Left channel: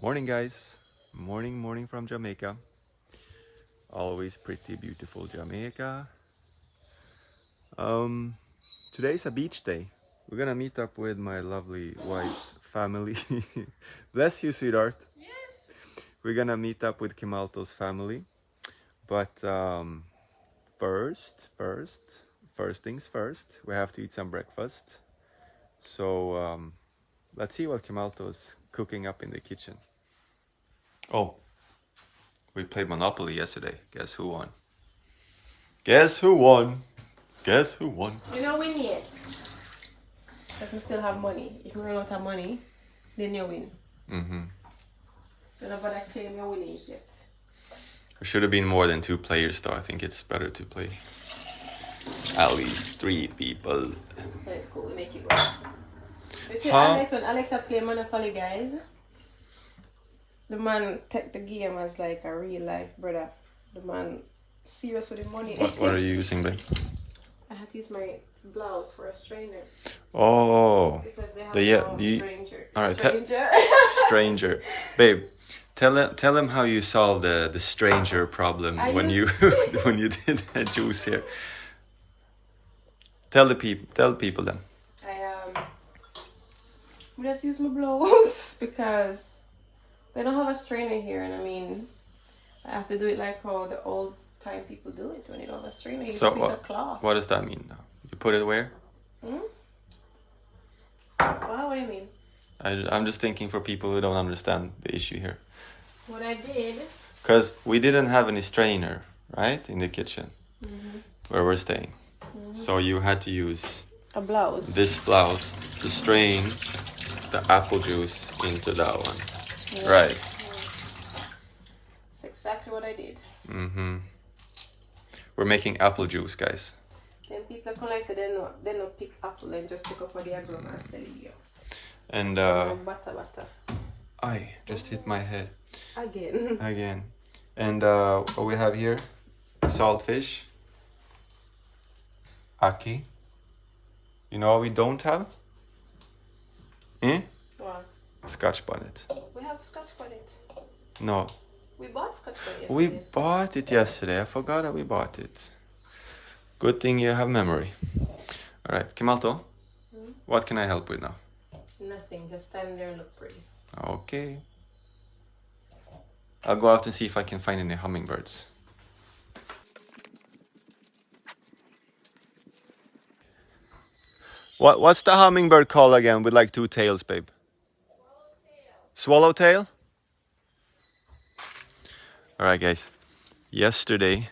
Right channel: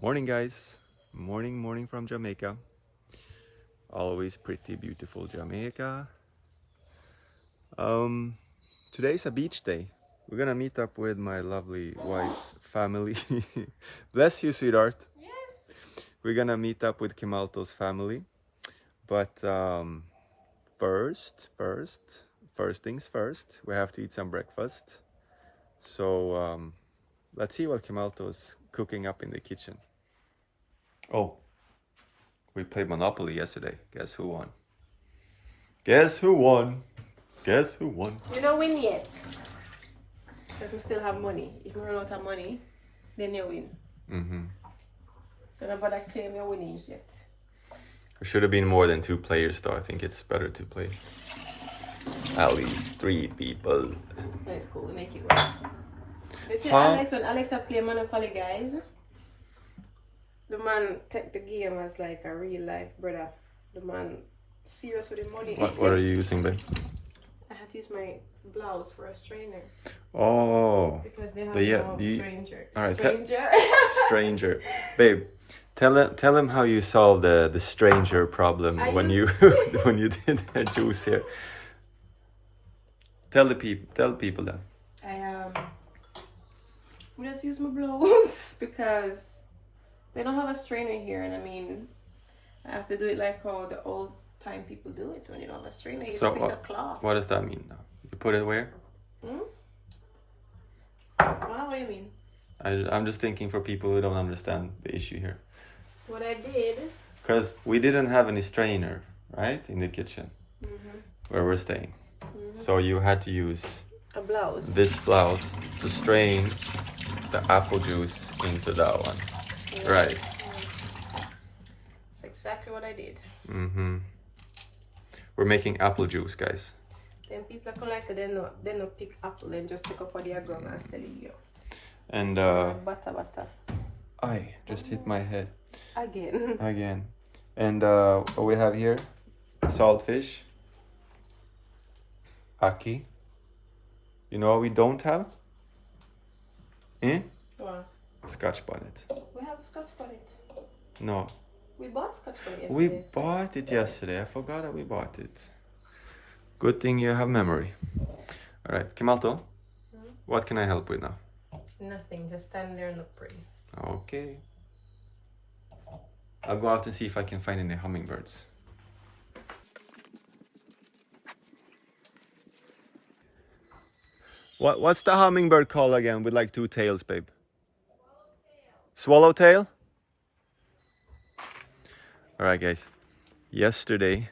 Morning, guys. Morning from Jamaica. Always pretty beautiful Jamaica. Um, Today's a beach day. We're gonna meet up with my lovely wife's family. Bless you, sweetheart. We're gonna meet up with Kimalto's family. But first things first, we have to eat some breakfast. So let's see what Kimalto's cooking up in the kitchen. Oh, we played Monopoly yesterday. Guess who won? Guess who won? Guess who won? You don't win yet. Because we still have money. If you run out of money, then you win. Mm-hmm. So nobody claim your winnings yet. There should have been more than 2 players, though. I think it's better to play at least 3 people. That's cool. We make it work. You see, Huh? Alex, when Alex had played Monopoly, guys, the man took the game as like a real life brother. The man serious with the money. What are you using, babe? I had to use my blouse for a strainer. Oh, Because they have stranger. All right, Stranger. stranger, babe. Tell him how you solved the stranger problem when you when you did the juice here. Tell people then. We just use my blouse because they don't have a strainer here, and I mean, I have to do it like how the old time people do it when you don't have a strainer. You use a piece of cloth. What does that mean now? You put it where? What do I mean? I'm just thinking for people who don't understand the issue here. What I did. Because we didn't have any strainer, right, in the kitchen where we're staying. So you had to use A blouse. this blouse to strain the apple juice into that one. Yeah. Right. That's exactly what I did. We're making apple juice, guys. Then people come like say they not pick apple and just take up for their gum and sell you. And Butter. I just hit my head. Again. And what we have here, saltfish, ackee. You know what we don't have? What? Scotch bonnet. We have scotch bonnet. No. We bought scotch bonnet yesterday. We bought it yesterday. I forgot that we bought it. Good thing you have memory. All right, Kimalto, what can I help with now? Nothing. Just stand there and look pretty. Okay. I'll go out and see if I can find any hummingbirds. What's the hummingbird called again with like 2 tails, babe? Swallowtail? All right, guys. Yesterday,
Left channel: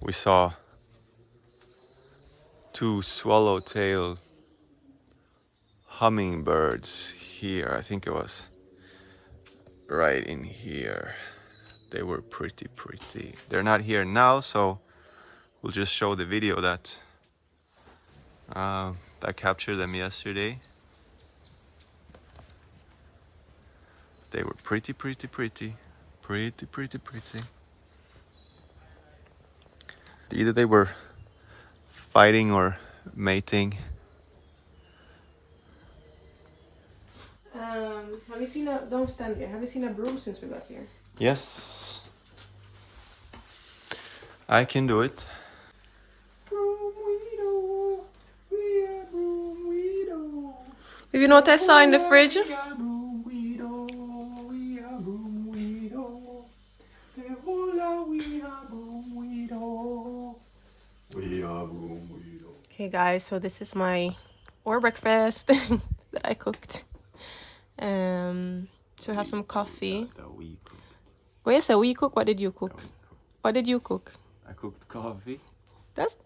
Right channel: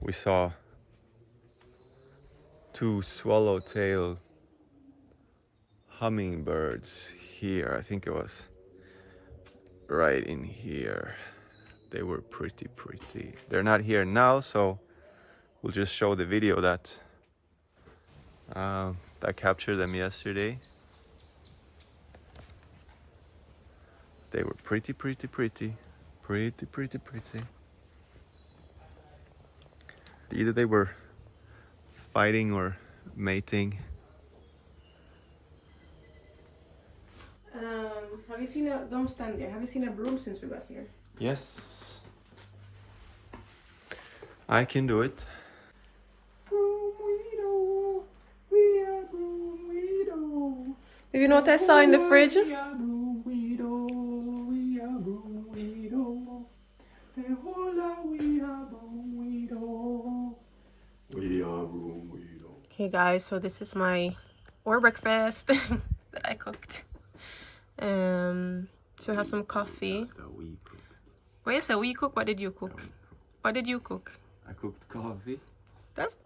we saw 2 swallowtail hummingbirds here. I think it was right in here. They were pretty. They're not here now, so we'll just show the video that captured them yesterday. They were pretty. Either they were fighting or mating. Have you seen a? Don't stand there. Have you seen a broom since we got here? Yes, I can do it. You know what I saw in the fridge? Okay, guys, so this is my breakfast that I cooked. So we have some coffee. Wait, you say we cook? What did you cook? What did you cook? I cooked coffee. That's.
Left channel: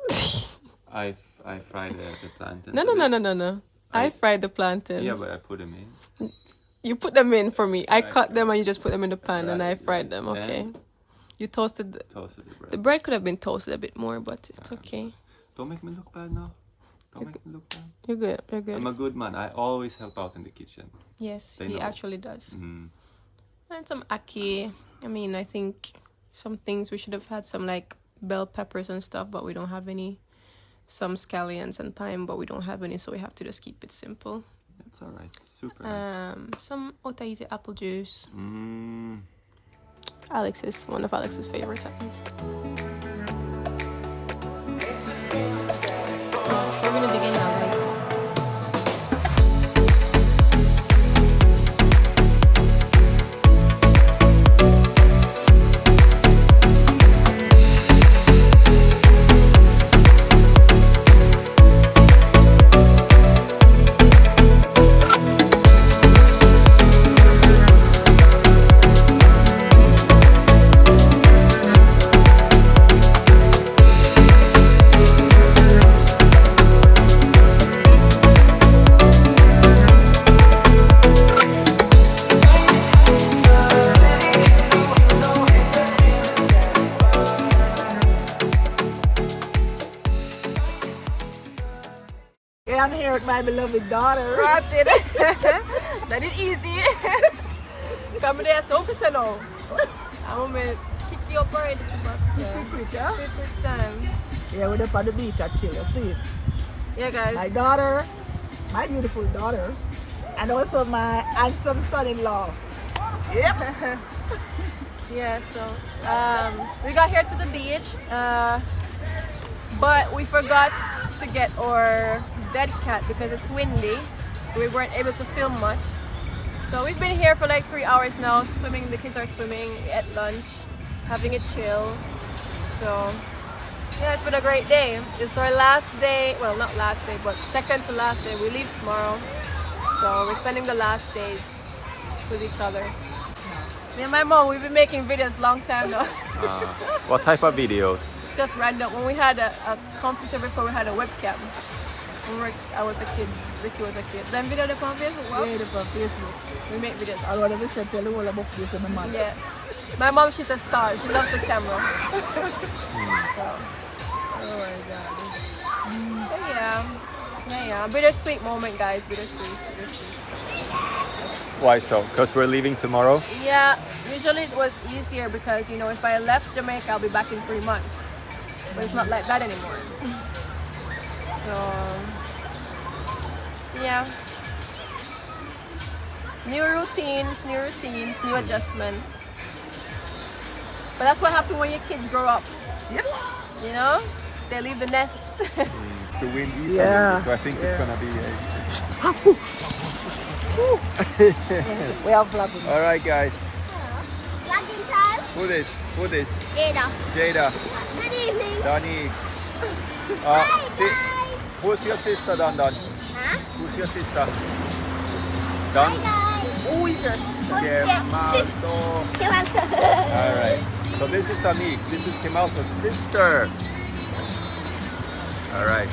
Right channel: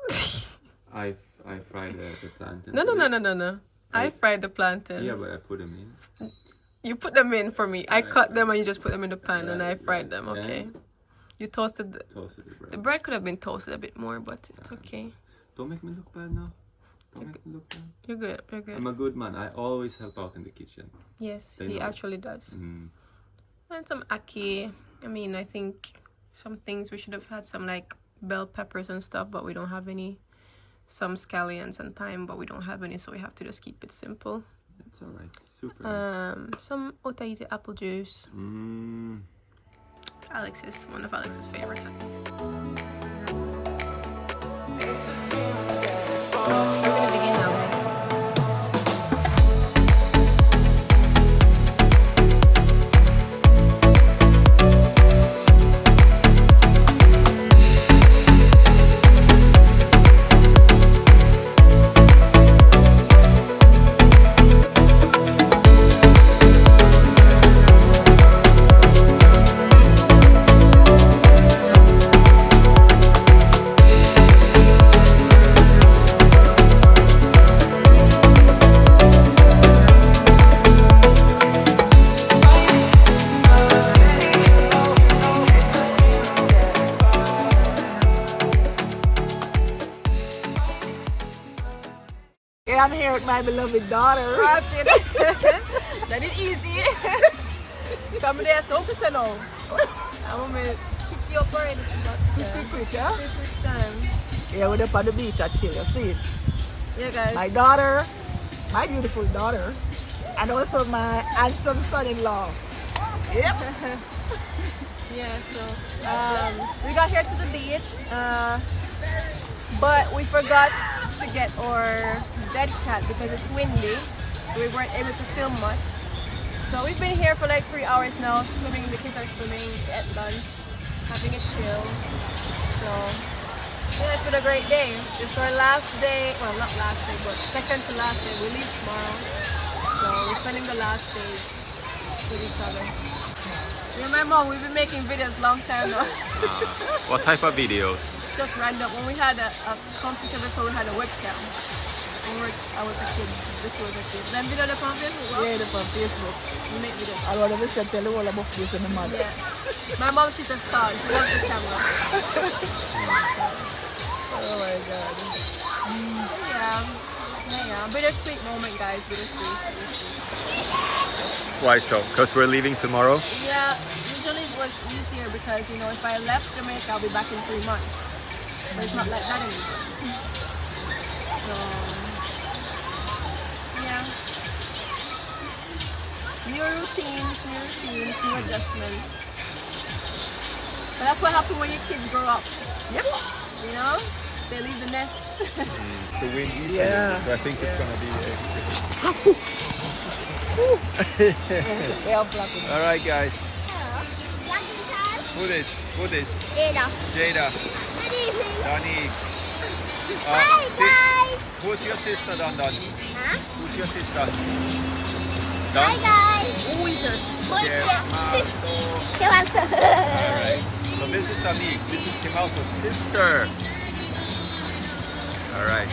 I fried the plantains. No. I fried the plantains. Yeah, but I put them in. You put them in for me. I cut them and you just put them in the pan and I fried them. Okay. You toasted the bread. The bread could have been toasted a bit more, but it's okay. Don't make me look bad now. Don't make me look bad. You're good. I'm a good man. I always help out in the kitchen. Yes, he actually does. Mm. And some ackee. I mean, I think some things we should have had some like bell peppers and stuff, but we don't have any. Some scallions and thyme, but we don't have any, so we have to just keep it simple. It's all right. Super nice. Some otaite apple juice. One of Alex's favorites at least. We're gonna begin now, right? I'm here with my beloved daughter. That is easy. Come there, so officer now. I'm gonna kick you up already to box. Quick, yeah? Quick time. Yeah, we're up on the beach at chill, you see? Yeah, guys. My daughter, my beautiful daughter, and also my handsome son-in-law. Yep. Yeah, so we got here to the beach, but we forgot to get our dead cat because it's windy, so we weren't able to film much. So we've been here for like 3 hours now, swimming. The kids are swimming, at lunch, having a chill. So yeah, it's been a great day. It's our last day, well, not last day, but second to last day. We leave tomorrow, so we're spending the last days with each other. Yeah, my mom, we've been making videos long time now. What type of videos? Just random. When we had a computer before, we had a webcam. I was a kid, Ricky was a kid. Then video the on Facebook? Well, Yeah, on Facebook. we make videos. I want to tell you all about this and my mother. Yeah. My mom, she's a star. She loves the camera. So, Oh my God. but yeah. Bittersweet moment, guys. Bittersweet. Why so? Because we're leaving tomorrow? Yeah, usually it was easier because, you know, if I left Jamaica, I'll be back in 3 months. But it's not like that anymore. So, yeah. New routines, new adjustments. But that's what happens when your kids grow up. Yep. You know? They leave the nest. The wind is a little bit, so I think it's gonna be All right, guys. Who this? Jada. Jada. Good evening. Donnie. Bye, guys. Who's your sister, Don? Huh? Who's your sister? Bye, Don? guys. Kem Alex. All All right. So this is Danique. This is Kem Alex's sister. All right.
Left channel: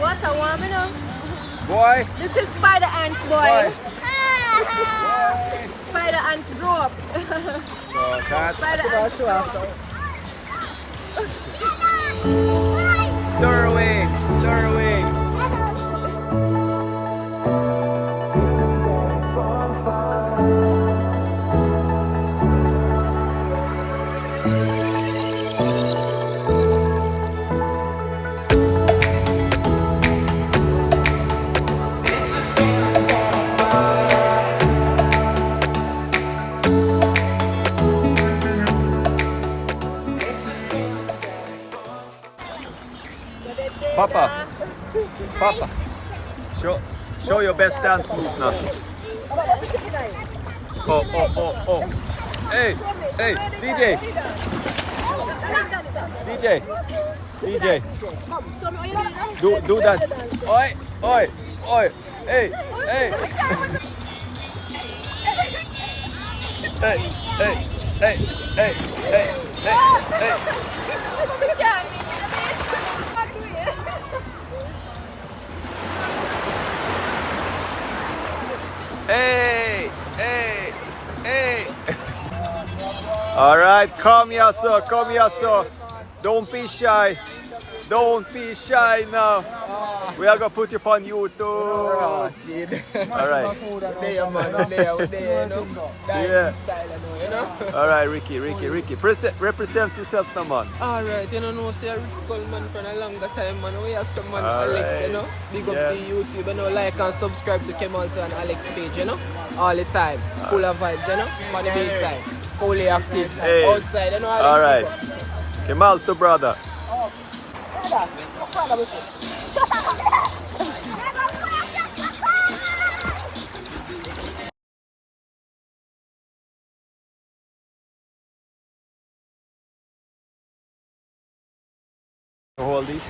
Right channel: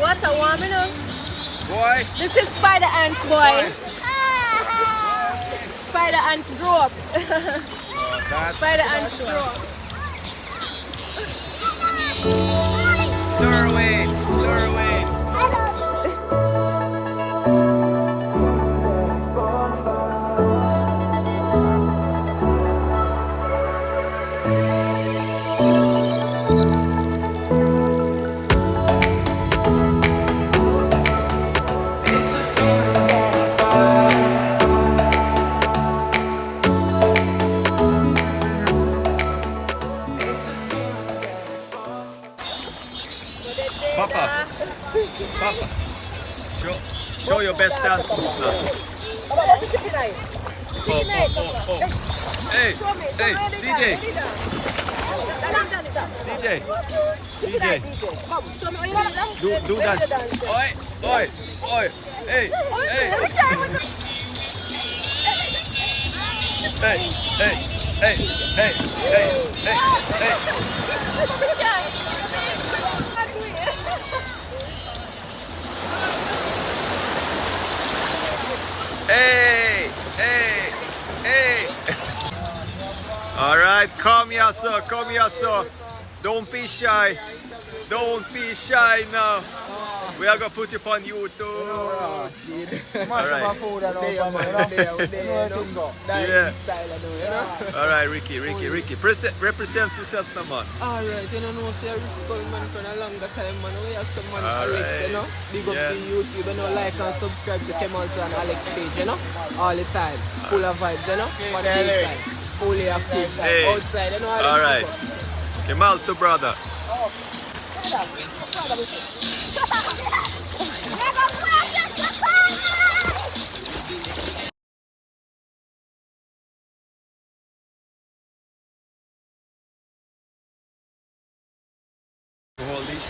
What a woman. Boy. This is spider ants, boy. Boy. Spider ants grow up. So that's Spider ants grow up. Derwin. Papa. Show your best dance moves now. Oh. Hey, DJ. Do that. Oi. Hey. Hey. All right, come here, sir. Don't be shy now. We are gonna put you on YouTube. Kid. Alright. There, man. There, you know. Yeah. Style, you know. Alright, Ricky. Represent yourself now, man. Alright, you know, say Rick Skullman for a longer time, man. We have some man, Alright. Alex, you know. Big up Yes. to YouTube, you know. Like and subscribe to Kem Alex and Alex page, you know. All the time. Full of vibes, you know. On the day side. Fully active. Hey. Outside, you know. Alex, Alright. big up. Kem Alto, brother. Hold these.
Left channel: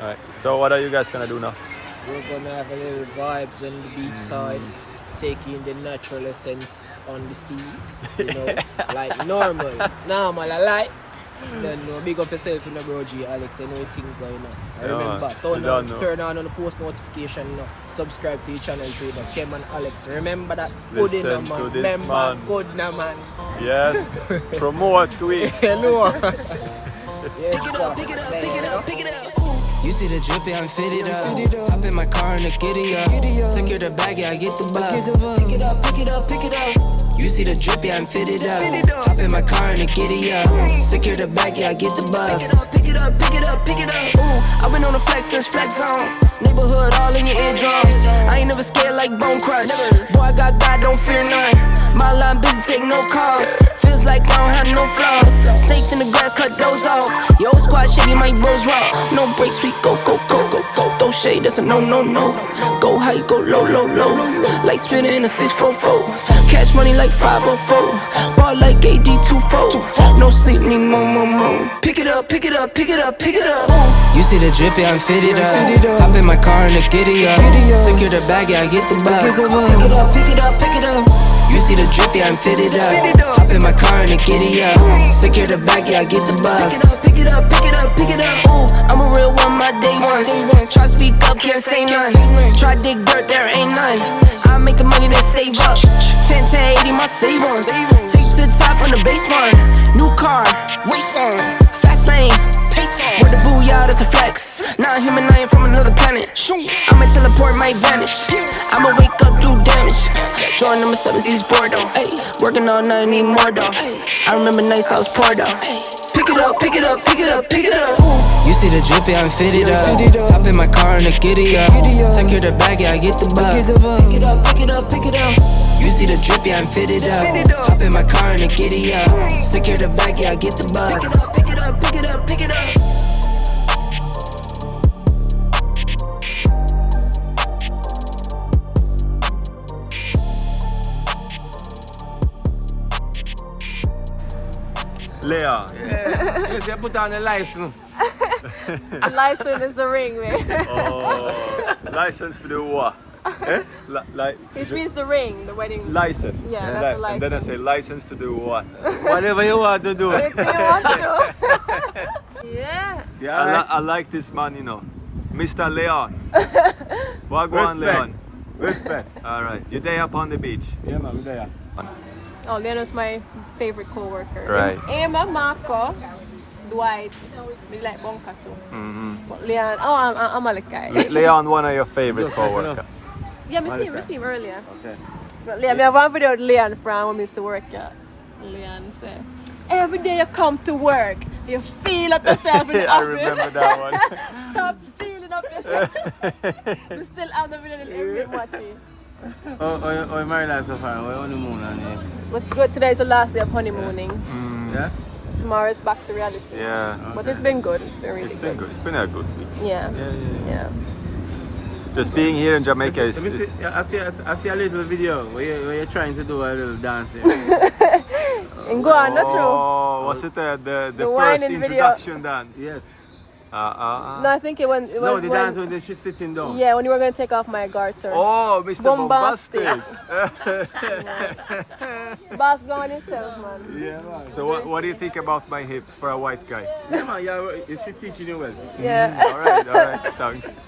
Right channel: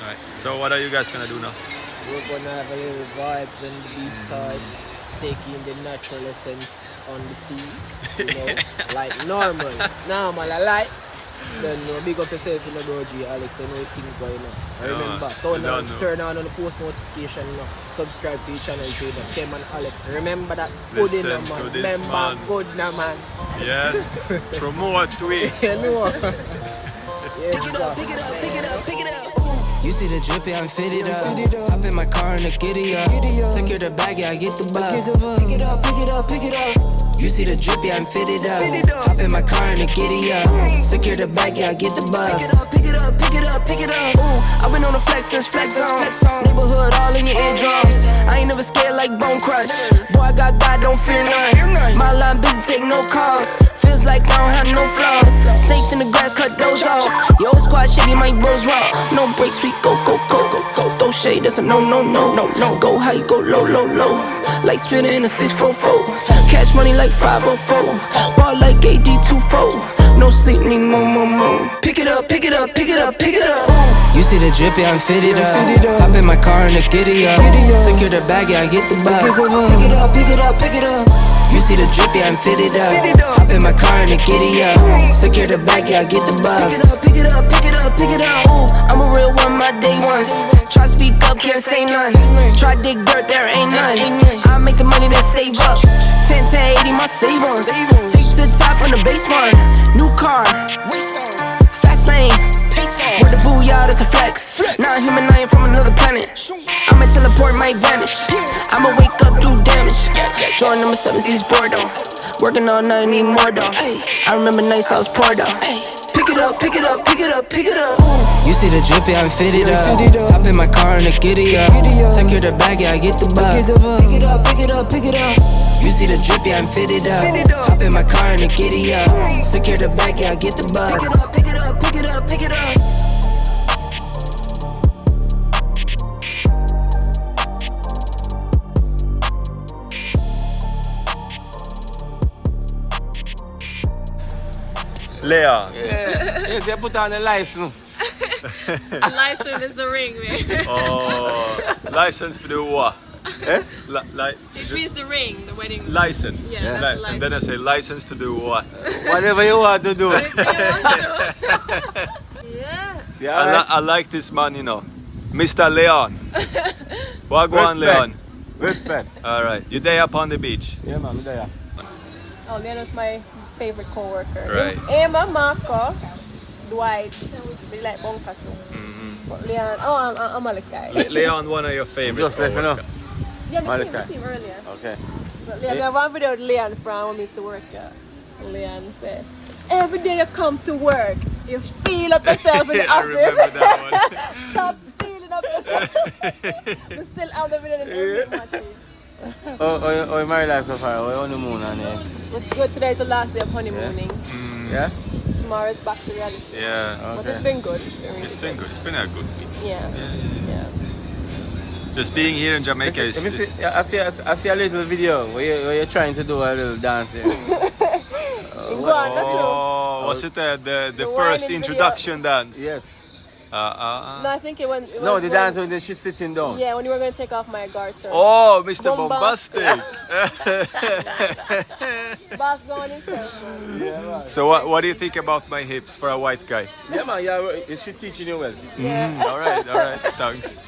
Alright. So what are you guys gonna do now? We're gonna have a little vibes on the beach side, taking the natural essence on the sea, you know, like normal, I like. Then big up yourself, you know, bro G, Alex, I know you think going on. I remember, turn on the post notification, you know, subscribe to the channel too, the Kem and Alex. Remember that, good in Listen man, to this remember, man. good na man. Yes. Promote tweet. You know. Yes, You see the drippy, I'm fitted up. Hop in my car and the giddy up. Secure the bag, yeah, I get the bus. Pick it up, pick it up, pick it up. You see the drippy, I'm fitted up. Hop in my car and the giddy up. Secure the bag, yeah, I get the bus. Pick it up, pick it up, pick it up. Ooh, I've been on the flex since flex zone. Neighborhood all in your eardrums. I ain't never scared like Bone Crush. Boy, I got God, don't fear none. My line busy, take no calls. Feels like I don't have no flaws. Snakes in the grass, cut those off. Yo, squad shitty, my bros raw. No breaks, we go. Throw shade, that's a no. Go high, go low. Like spinning in a 644. Cash money like 504. Ball like AD24. No sleep, need more. Pick it up. You see the drippy, I'm fitted up. Hop in my car and the giddy up. Secure the bag, yeah, I get the bus. Pick it up. You see the drippy, I'm fitted up. Hop in my car and the giddy up. Secure the bag, yeah, I get the bus. Pick it up. Ooh, I'm a real one, my day ones. Try speak up, can't say none. Try dig dirt, there ain't none. I make the money, then save up. 10 to 80, my save ones. Take to the top from the basement. New car, race on. Fast lane, pace on. With the booyah, that's a flex. Not human, I am from another planet. I'ma teleport, might vanish. I'ma wake up, do damage. Join number 7, East Bordeaux. Working all night, need more though. I remember nights I was poor though. Pick it up. You see the drippy, I'm fitted up. Hop in my car and the giddy up. Secure the bag, yeah, I get the bus. Pick it up. You see the drippy, I'm fitted up. Hop in my car and the giddy up. Secure the bag, yeah, I get the bus. Pick it up. Leon. Yes, you put on the license. The license is the ring, man. Oh, license for the what? It means the ring, the wedding. License. Yeah, that's the And then I say license to do what? Whatever you want to do. Yeah. I like this man, you know. Mr. Leon. Wagwan Leon. Respect. Alright. You day up on the beach? Yeah, man, we're there. Oh, Leon's my favorite co-worker. Right. Emma, Marco, Dwight, we like Bonka too. But Leon, I'm a guy. Leon, one of your favorite co-workers. Yeah, we see him earlier. Okay. But Leon, we have one video with Leon from when we used to work at. Leon said, every day you come to work, you feel up yourself in the I office. remember that one. Stop feeling up yourself. We still have the video and every watching. Oh, married life so far. Oh, honeymoon and What's good? Today is the last day of honeymooning. yeah. Tomorrow is back to reality. Yeah. But it's been good. It's been really It's been good. It's been a good week. Yeah. Yeah. Just being here in Jamaica is... I see a little video where you're trying to do a little dance there. And go on, that's Oh, was it the first whining introduction dance? Yes. No, I think it was. No, the dance when she's sitting down. Yeah, when you were going to take off my garter. Oh, Mr. Bombastic. Bombastic. Boss, go on yourself. Yeah, man. So what do you think about my hips for a white guy? Yeah, man, yeah, she's teaching you well. Yeah. All right, thanks.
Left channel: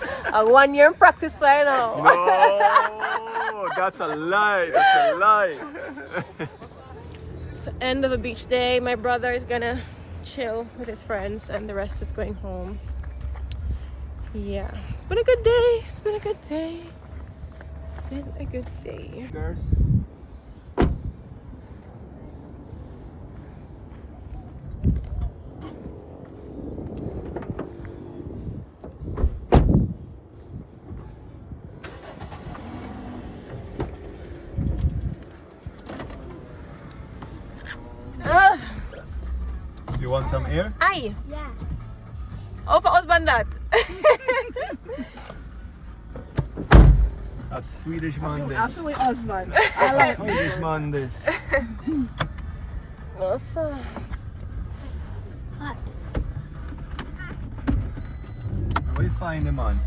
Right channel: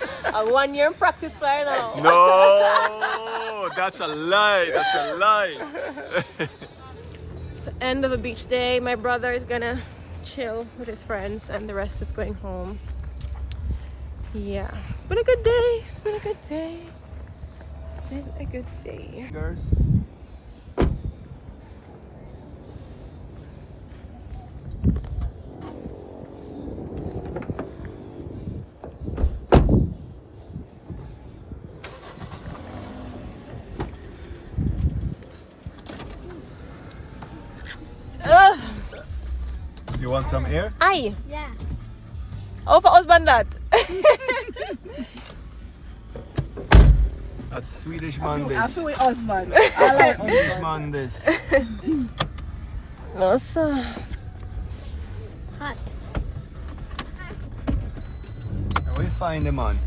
1 year in practice right now. No, that's a lie. It's the end of a beach day. My brother is gonna chill with his friends and the rest is going home. Yeah, it's been a good day. It's been a good day. It's been a good day. Girls. You want some air? Aye. Yeah. How for husband that? That's Swedish man this. After we husband. That's Swedish man this. No, sir. Hot. And we find the man.